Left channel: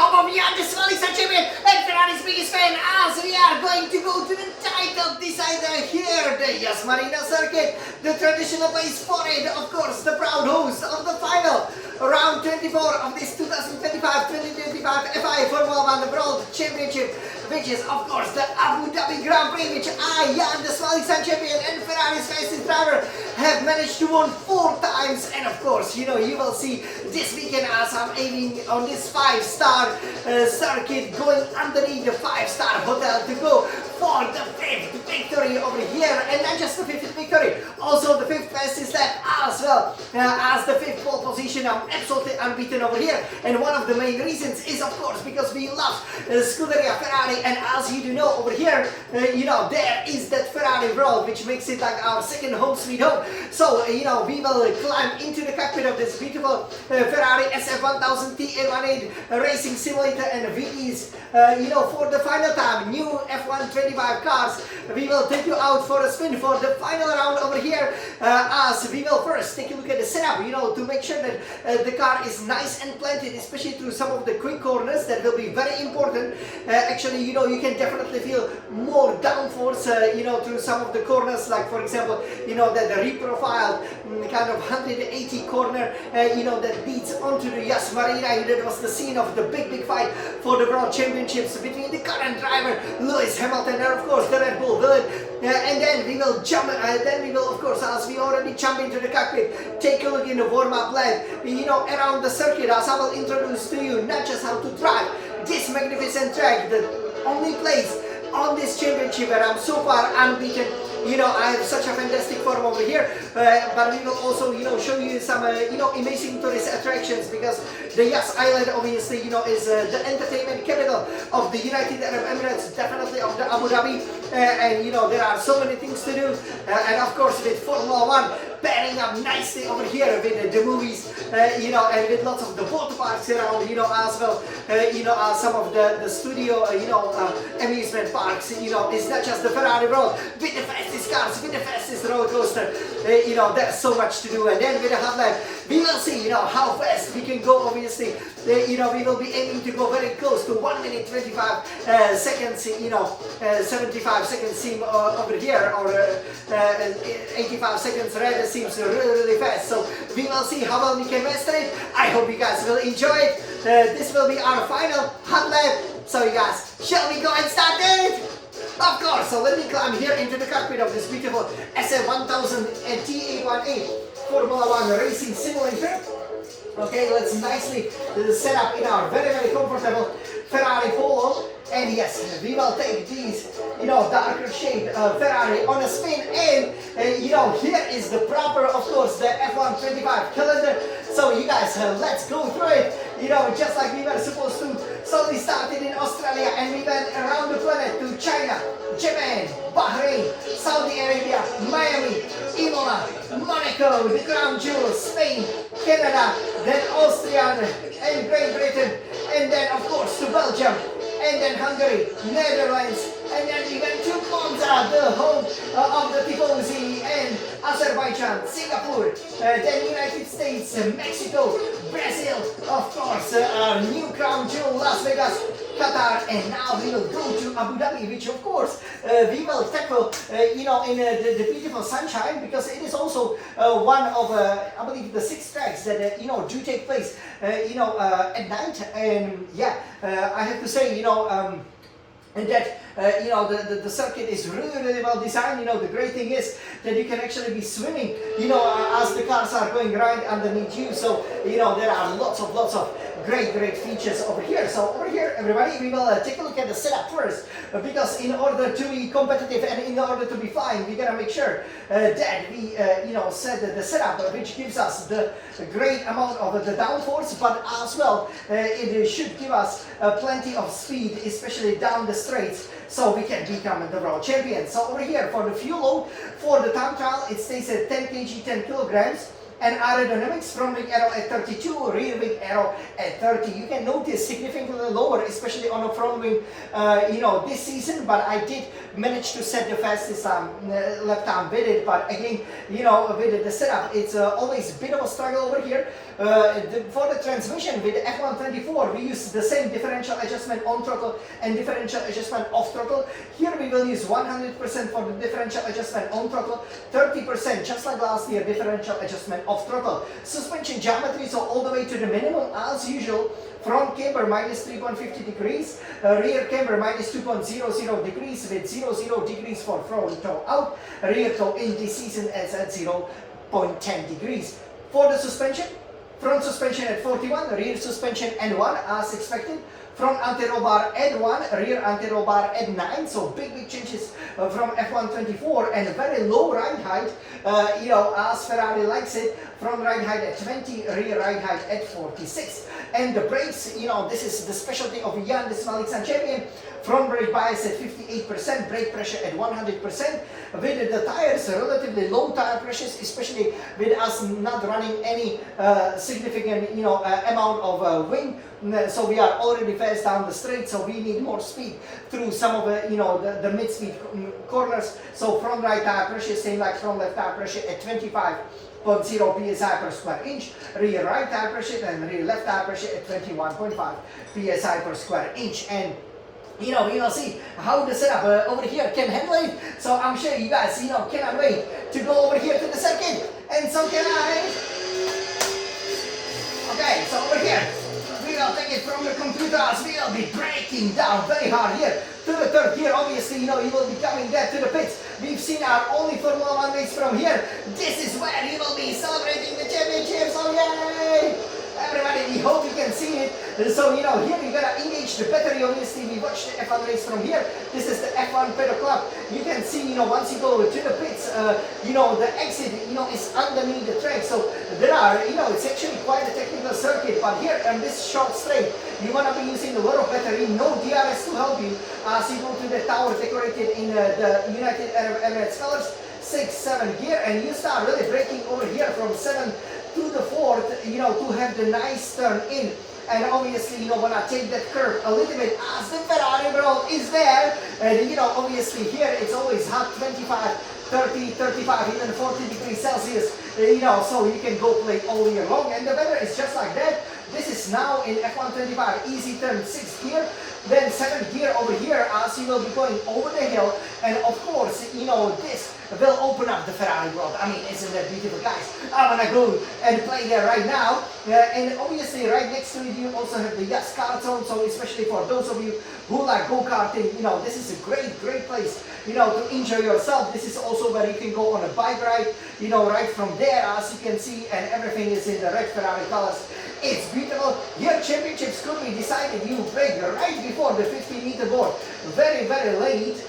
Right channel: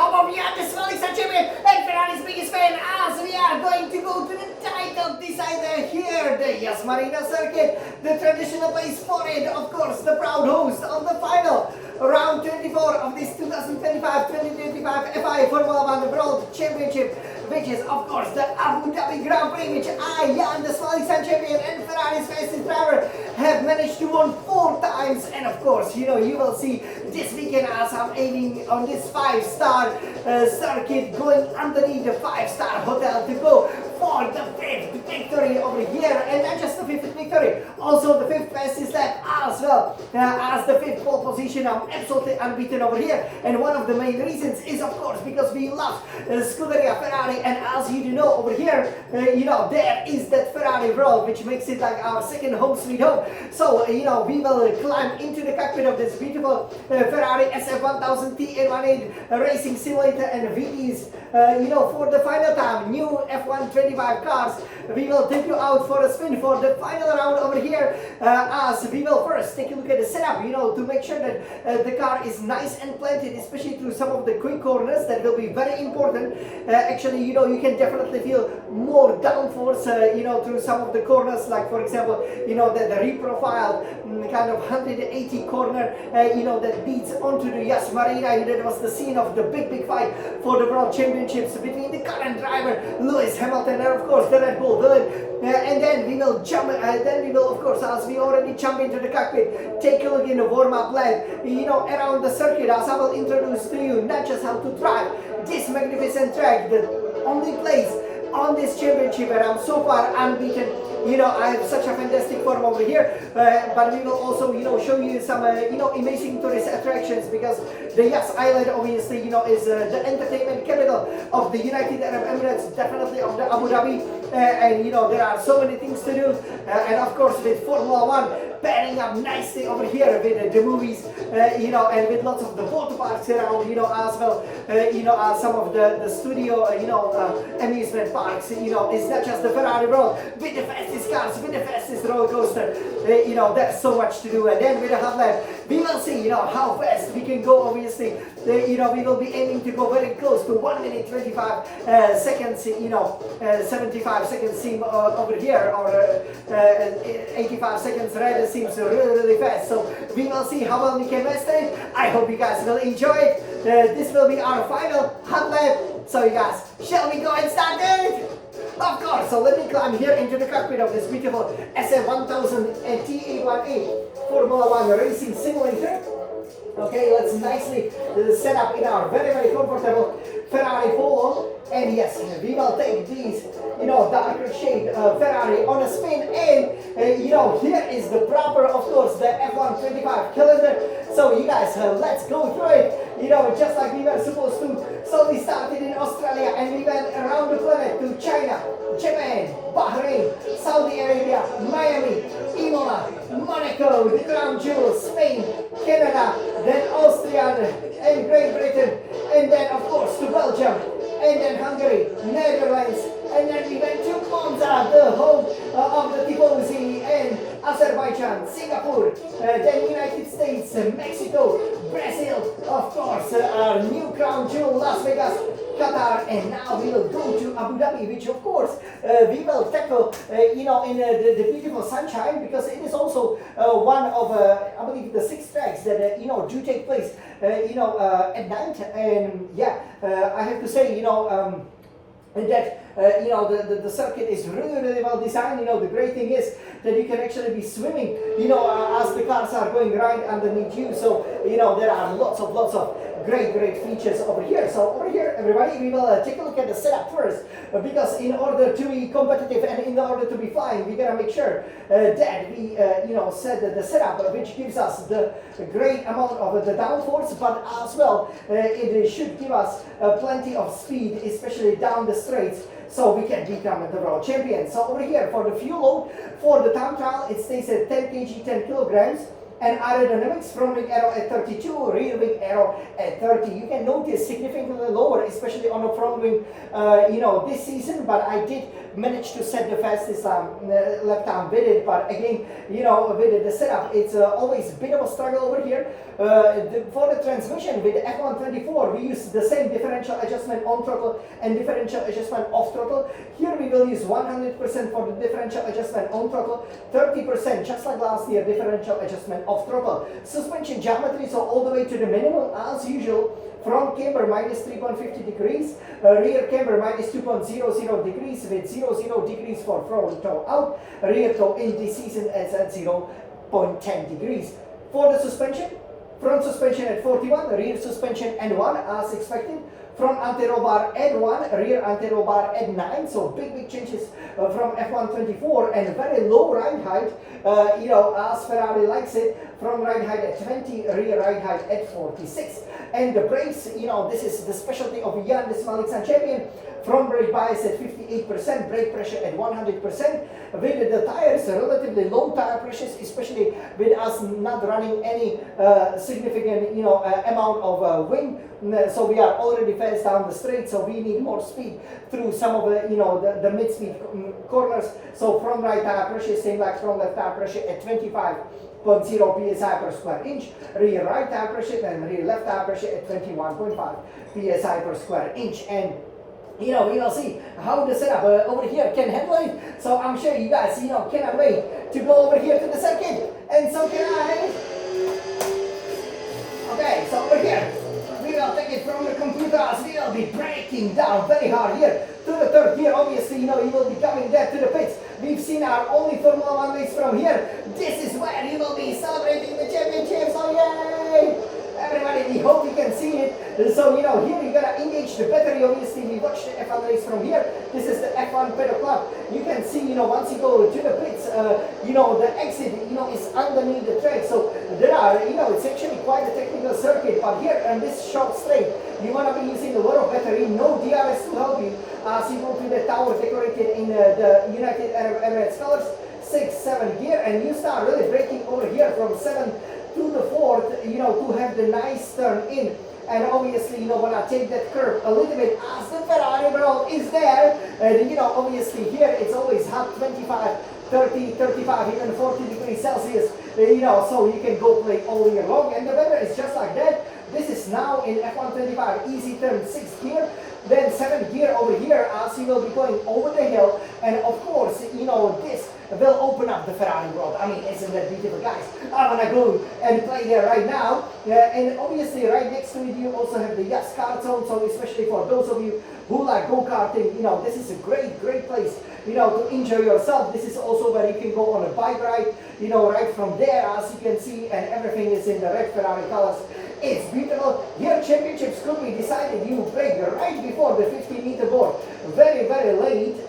home of Jan, the Swelling champion and Ferrari's biggest fan, as we are going to go to the title decider here, the Yas Marina circuit, the traditional place for it, of course, the proud host of the final round 24 of this 2025 FI Formula 1 World Championship, which is of course the Abu Dhabi Grand Prix, which I, Jan, the Swelling champion and Ferrari's fastest driver, have managed to win 4 times. And of course, you will see this weekend as I'm aiming on this 5-star circuit, going underneath the 5-star hotel to go for the 5th victory over here, and not just the 5th victory, also the 5th fastest lap as well as the 5th pole position. I'm absolutely unbeaten over here, and one of the main reasons is of course because we love Scuderia Ferrari, and as you do know over here, there is that Ferrari world, which makes it like our second home sweet home. So we will climb into the cockpit of this beautiful Ferrari SF1000 T818 racing simulator, and VEs for the final time, new F125 cars. We will take you out for a spin for the final round over here, as we will first take a look at the setup, to make sure that the car is nice and planted, especially through some of the quick corners. That will be very important. Actually, you can definitely feel more downforce, through some of the corners, like for example, the reprofiled kind of 180 corner, that leads onto the Yas Marina. That was the scene of the big fight for the World Championships between the current driver Lewis Hamilton and of course the Red Bull villain. And then we will jump, of course, as we already jump into the cockpit, take a look in the warm-up lap, around the circuit, as I will introduce to you not just how to drive this magnificent track, the only place on this championship where I'm so far unbeaten. I have such a fantastic form over here, but we will also, show you some, amazing tourist attractions, because the Yas Island obviously, is the entertainment capital of the United Arab Emirates, definitely of the Abu Dhabi, and there are so many things to do, and of course with Formula 1 pairing up nicely over here with the movies, and with lots of the water parks around, as well, as some of the studio, amusement parks, it's not just the Ferrari world with the fastest cars, with the fastest roller coaster, there's so much to do. And then with the hot lap, we will see, how fast we can go. Obviously, we will be aiming to go very close to 1 minute 25 seconds, 75 seconds seem over here, or 85 seconds rather seems really fast. So we will see how well we can master it. I hope you guys will enjoy it. This will be our final hot lap. So you guys, shall we go and start it? Of course, so let me climb here into the cockpit of this beautiful SF1000 T818 Formula 1 racing simulator. Okay, let's nicely set up in our very comfortable Ferrari Polo. And yes, we will take these, darker shade Ferrari on a spin. And, here is the proper, of course, the F125 calendar. So you guys, let's go through it. Just like we were supposed to. So we started in Australia and we went around the planet to China, Japan, Bahrain, Saudi Arabia, Miami, Imola, Monaco, the Crown Jewels, Spain, Canada, then Austria and Great Britain, and then of course to Belgium, and then Hungary, Netherlands, and then we went to Monza, the home of the Tifosi, and Azerbaijan, Singapore, then United States, Mexico, Brazil, of course, our new crown jewel, Las Vegas, Qatar, and now we will go to Abu Dhabi, which of course we will tackle, in the beautiful sunshine, because it is also one of, I believe, the 6 tracks that, do take place, at night. And yeah, I have to say, and that the circuit is really well designed. The great thing is that you can actually be swimming, as the cars are going right underneath you. So there are lots of great features over here. So over here, everybody, we will take a look at the setup first, because in order to be competitive and in order to be fine, we gotta make sure that we set the setup, which gives us the great amount of the downforce, but as well it should give us plenty of speed, especially down the straights, so we can become the world champion. So over here, for the fuel load, for the time trial, it stays at 10 kg, 10 kilograms. And aerodynamics, front wing arrow at 32, rear wing arrow at 30. You can notice significantly lower, especially on the front wing, this season, but I did manage to set the fastest lap time with it. But again, with the setup, it's always a bit of a struggle over here, For the transmission with the F124, we use the same differential adjustment on throttle and differential adjustment off throttle. Here we will use 100% for the differential adjustment on throttle, 30% just like last year differential adjustment off throttle. Suspension geometry, so all the way to the minimum as usual. Front camber minus 3.50 degrees, rear camber minus 2.00 degrees with 0 degrees for front toe out, rear toe in this season is at 0.10 degrees. For the suspension, front suspension at 41, rear suspension N1 as expected. Front anti-roll bar at 1, rear anti-roll bar at 9, so big changes from F124 and very low ride height, as Ferrari likes it. Front ride height at 20, rear ride height at 46. And the brakes, this is the specialty of Jan, the Smalik champion. Front brake bias at 58%, brake pressure at 100%. With the tires, relatively low tire pressures, especially with us not running any significant, amount of wind. So we are already fast down the straight, so we need more speed through some of the mid-speed corners. So front right tire pressure, same like front left tire pressure at 25.0 psi per square inch, rear right tire pressure and rear left tire pressure at 21.5 psi per square inch. And we will see how the setup over here can handle it. So I'm sure you guys, cannot wait to go over here to the circuit. And so can I. Okay, so over here, we will take it from the computers. We will be breaking down very hard here to the third gear. Obviously, you will be coming there to the pits. We've seen our only Formula 1 race from here. This is where you will be celebrating the championships. Oh, yay! Everybody, we hope you can see it. So, here we're gonna engage the battery. Obviously, we watched the F1 race from here. This is the F1 paddock club. You can see, once you go to the pits, the exit, is underneath the track. So there are, it's actually quite a technical circuit. But here on this short straight, you wanna be using a lot of battery, no DRS to help you. As you go to the tower decorated in the United Arab Emirates colors, 6, 7 gear, and you start really braking over here from 7 to the 4th, to have the nice turn in. And obviously, wanna take that curve a little bit as the Ferrari world is there. And obviously here it's always hot, 25, 30, 35, even 40 degrees Celsius, so you can go play all year long. And the weather is just like that. This is now in F125, easy turn 6th gear, then 7th gear over here as you will be going over the hill. And of course, this will open up the Ferrari world. I mean, isn't that beautiful, guys? I'm gonna go and play there right now. And obviously right next to it you also have the Yas Kart Zone, so especially for those of you who like go-karting, this is a great place, to enjoy yourself. This is also where you can go on a bike ride, right from there, as you can see, and everything is in the red Ferrari colors. It's beautiful. Your championships could be decided. You break right before the 50-meter board. Very late.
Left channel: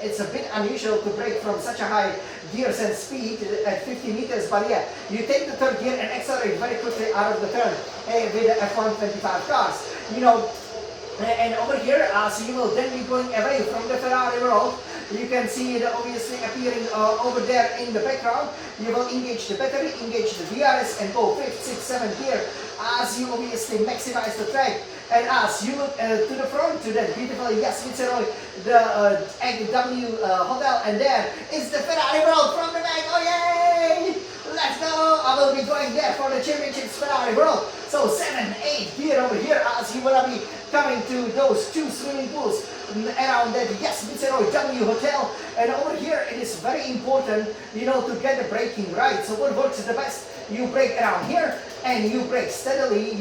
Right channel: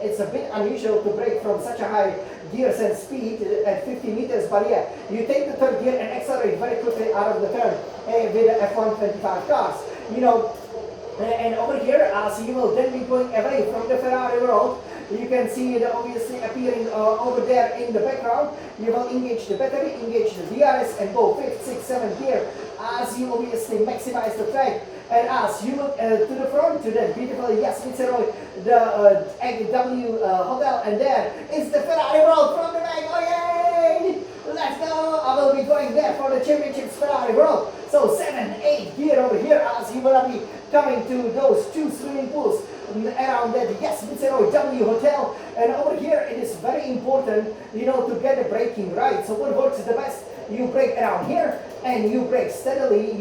It's a bit unusual to break from such a high gears and speed at 50 meters, but yeah, you take the third gear and accelerate very quickly out of the turn with the F125 cars. And over here, as you will then be going away from the Ferrari world, you can see it obviously appearing over there in the background. You will engage the battery, engage the DRS, and go 5th, 6th, 7th gear as you obviously maximize the track. And as you look to the front, to that beautiful Yas Viceroy, the W hotel, and there is the Ferrari world from the back. Oh yay! Let's go! I will be going there for the championships Ferrari world. So 7, 8 gear over here as you will be coming to those 2 swimming pools around that Yas Viceroy W hotel. And over here it is very important, to get the braking right. So what works the best? You brake around here and you brake steadily,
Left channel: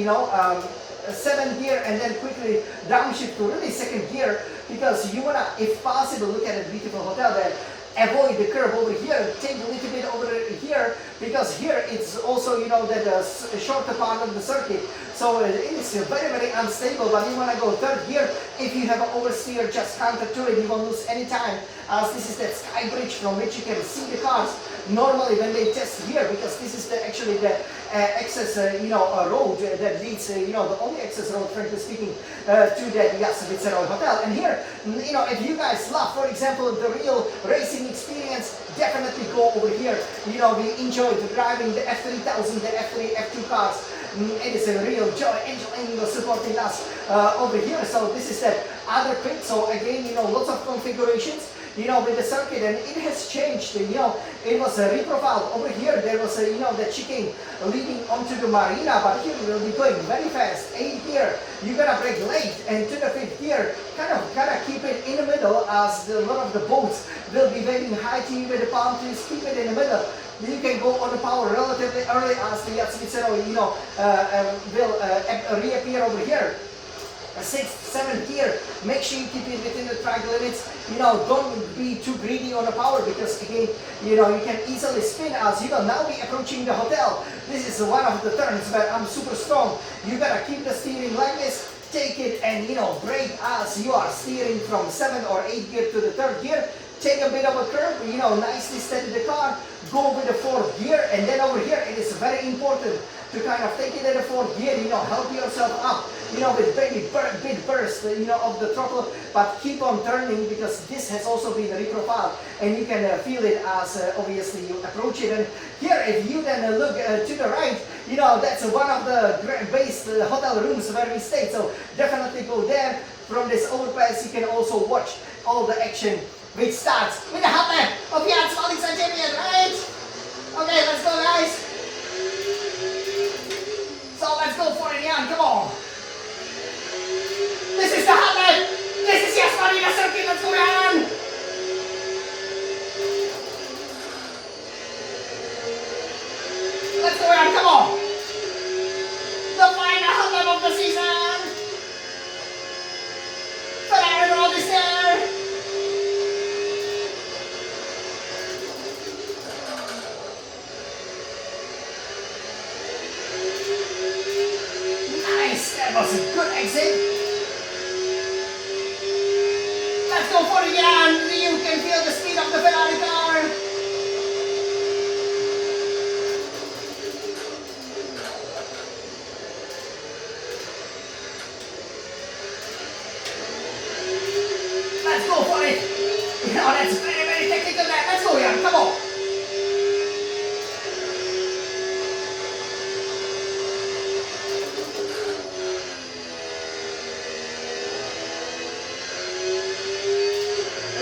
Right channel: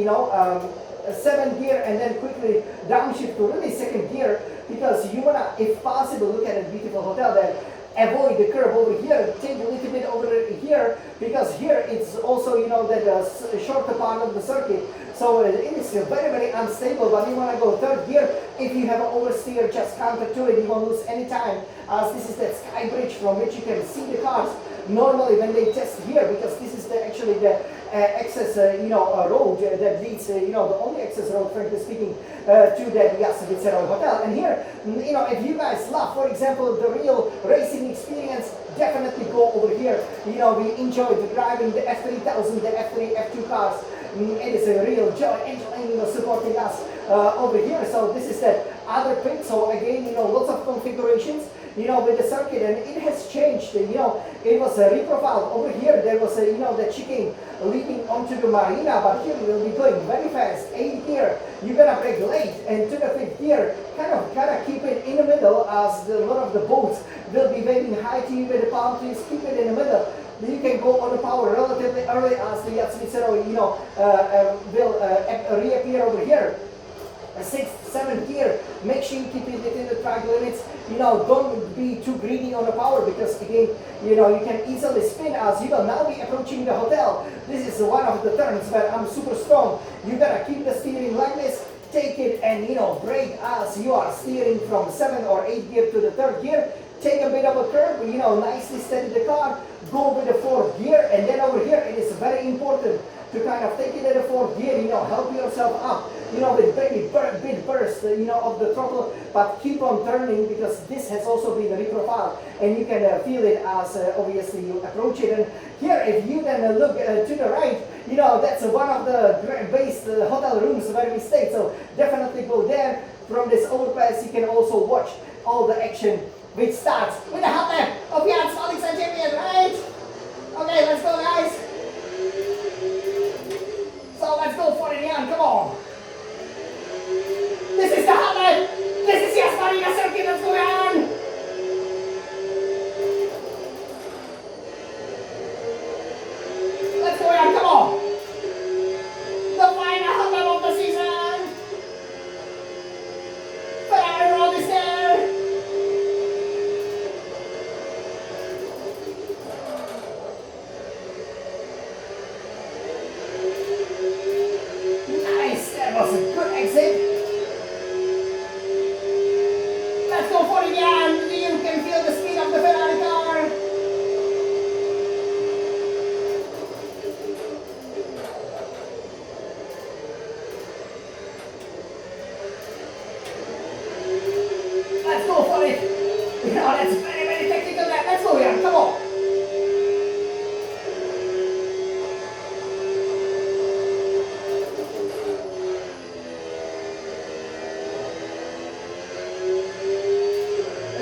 7th gear, and then quickly downshift to really 2nd gear, because you wanna, if possible, look at a beautiful hotel there. Avoid the curve over here, take a little bit over here, because here it's also, the shorter part of the circuit. So it is very unstable, but you want to go 3rd gear. If you have an oversteer, just counter to it, you won't lose any time, as this is that sky bridge from which you can see the cars normally when they test here, because this is actually the access, road that leads, the only access road, frankly speaking, to the Yas Viceroy hotel. And here, if you guys love, for example, the real racing experience, definitely go over here. We enjoy driving the F3000, the F3, F2 cars. It is a real joy. Angel supporting us over here. So this is the other pit. So again, lots of configurations. with the circuit, and it has changed. It was reprofiled. Over here, there was the chicane leading onto the marina, but here we will be going very fast. 8th gear, you're gonna brake late, and to the 5th gear, kind of keep it in the middle, as a lot of the boats will be waving hi to you with the palm trees. Keep it in the middle. You can go on the power relatively early, as the yacht Svizzero, will reappear over here. 6th, 7th gear, make sure you keep it within the track limits. Don't be too greedy on the power, because again, you can easily spin, as you will now be approaching the hotel. This is one of the turns where I'm super strong. You gotta keep the steering like this, take it and brake as you are steering from 7th or 8th gear to the 3rd gear. Take a bit of a curve, nicely steady the car, go with the 4th gear, and then over here it is very important to kind of take it in the 4th gear, help yourself up, with very big burst, of the throttle, but keep on turning, because this has also been reprofiled, and you can feel it as obviously you approach it. And here, if you then look to the right, that's one of the base hotel rooms where we stayed, so definitely go there. From this overpass, you can also watch all the action, which starts with the hot lap of Yachts Felix and Champion, right? Okay, let's go, guys. So let's go for it, Jan, come on. This is the hot lap. This is Yas Marina circuit, let's go, Jan. Let's go, Jan, come on. The final hot lap of the season. Ferrari roll is there. That was a good exit. Let's go for it again. You can feel the speed of the Ferrari car. Let's go for it. That's very, very technical there. Let's go here. Come on.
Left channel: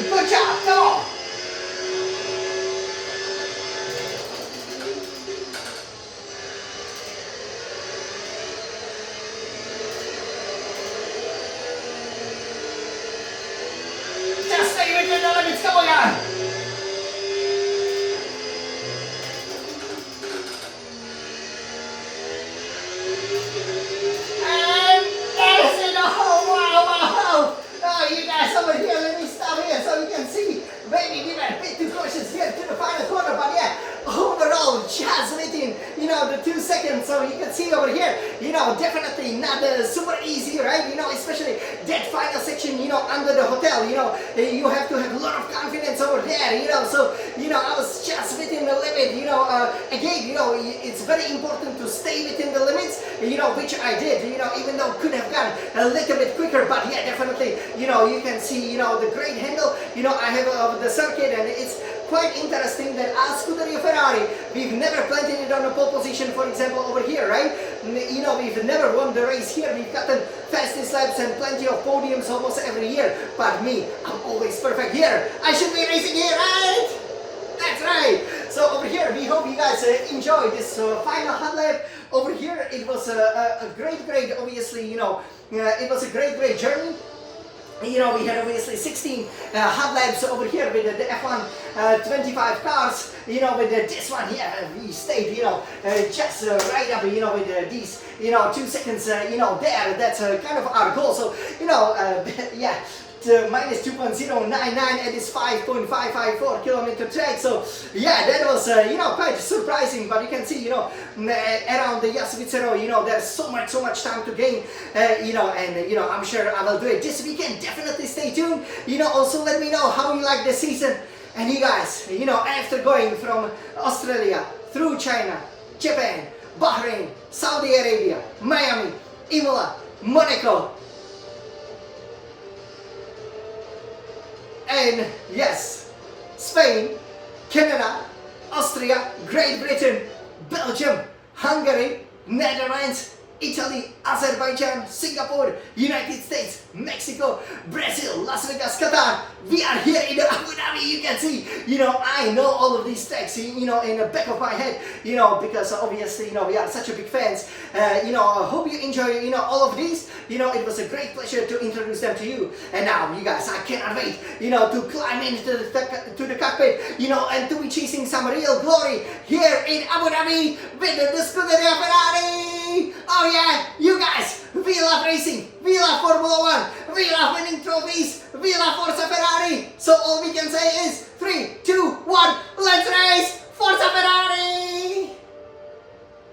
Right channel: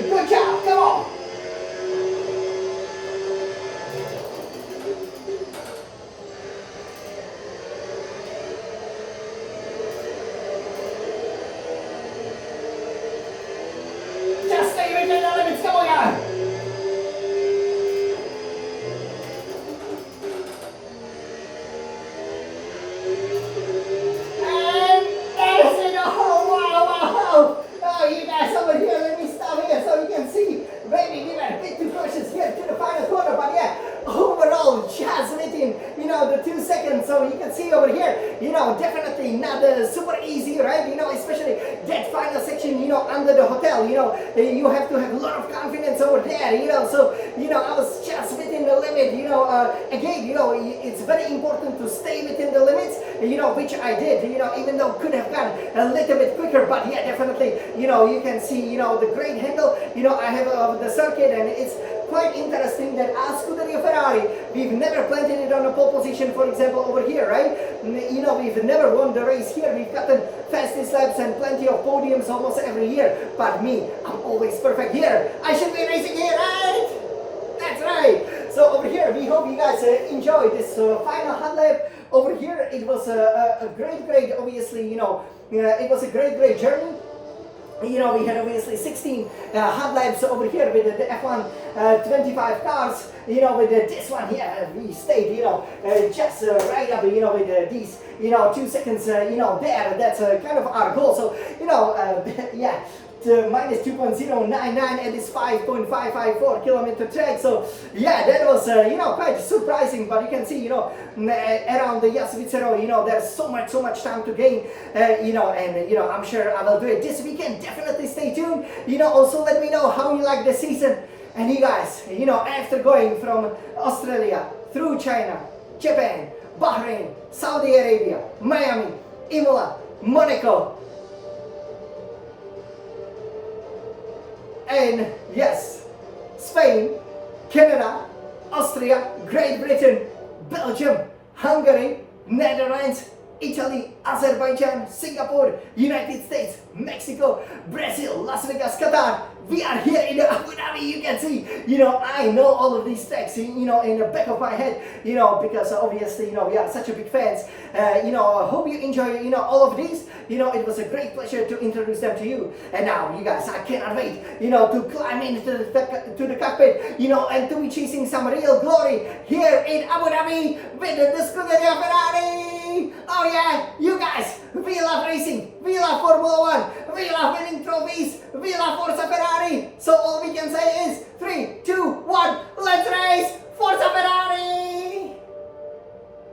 Good job, come on. Just stay within the limits, come on. And that is it. Oh, wow. Oh, you guys over here, let me stop here so you can see. Maybe we were a bit too cautious here to the final corner, but yeah, overall, just within, the 2 seconds. So you can see over here, definitely not super easy, right? Especially that final section, under the hotel, you have to have a lot of confidence over there, so, I was just within the limit, again, it's very important to stay within the limits, which I did, even though could have gone a little bit quicker, but yeah, definitely, you can see, the great handle, I have the circuit, and it's quite interesting that as Scuderia Ferrari, we've never planted it on a pole position, for example, over here, right? We've never won the race here. We've gotten fastest laps and plenty of podiums almost every year. But me, I'm always perfect here. I should be racing here, right? That's right. So over here, we hope you guys enjoyed this final hot lap. Over here, it was a great, obviously, it was a great journey. We had obviously 16 hot laps over here with the F1 25 cars, with this one here, we stayed, just right up, with these, 2 seconds, there, that's kind of our goal, so, yeah. Minus 2.099 at this 5.554 kilometer track. So yeah, that was quite surprising. But you can see around the Yas Svizzero, there's so much time to gain. And I'm sure I will do it this weekend. Definitely stay tuned. Also let me know how you like the season. And you guys, after going from Australia through China, Japan, Bahrain, Saudi Arabia, Miami, Imola, Monaco. And yes, Spain, Canada, Austria, Great Britain, Belgium, Hungary, Netherlands, Italy, Azerbaijan, Singapore, United States, Mexico, Brazil, Las Vegas, Qatar. We are here in Abu Dhabi, you can see. I know all of these tracks, in the back of my head, because obviously, we are such a big fans. I hope you enjoy, all of these. It was a great pleasure to introduce them to you. And now, you guys, I cannot wait, to climb into the cockpit, and to be chasing some real glory here in Abu Dhabi with the Scuderia Ferrari. Oh yeah, you guys, we love racing, we love Formula 1, we love winning trophies, we love Forza Ferrari. So all we can say is 3,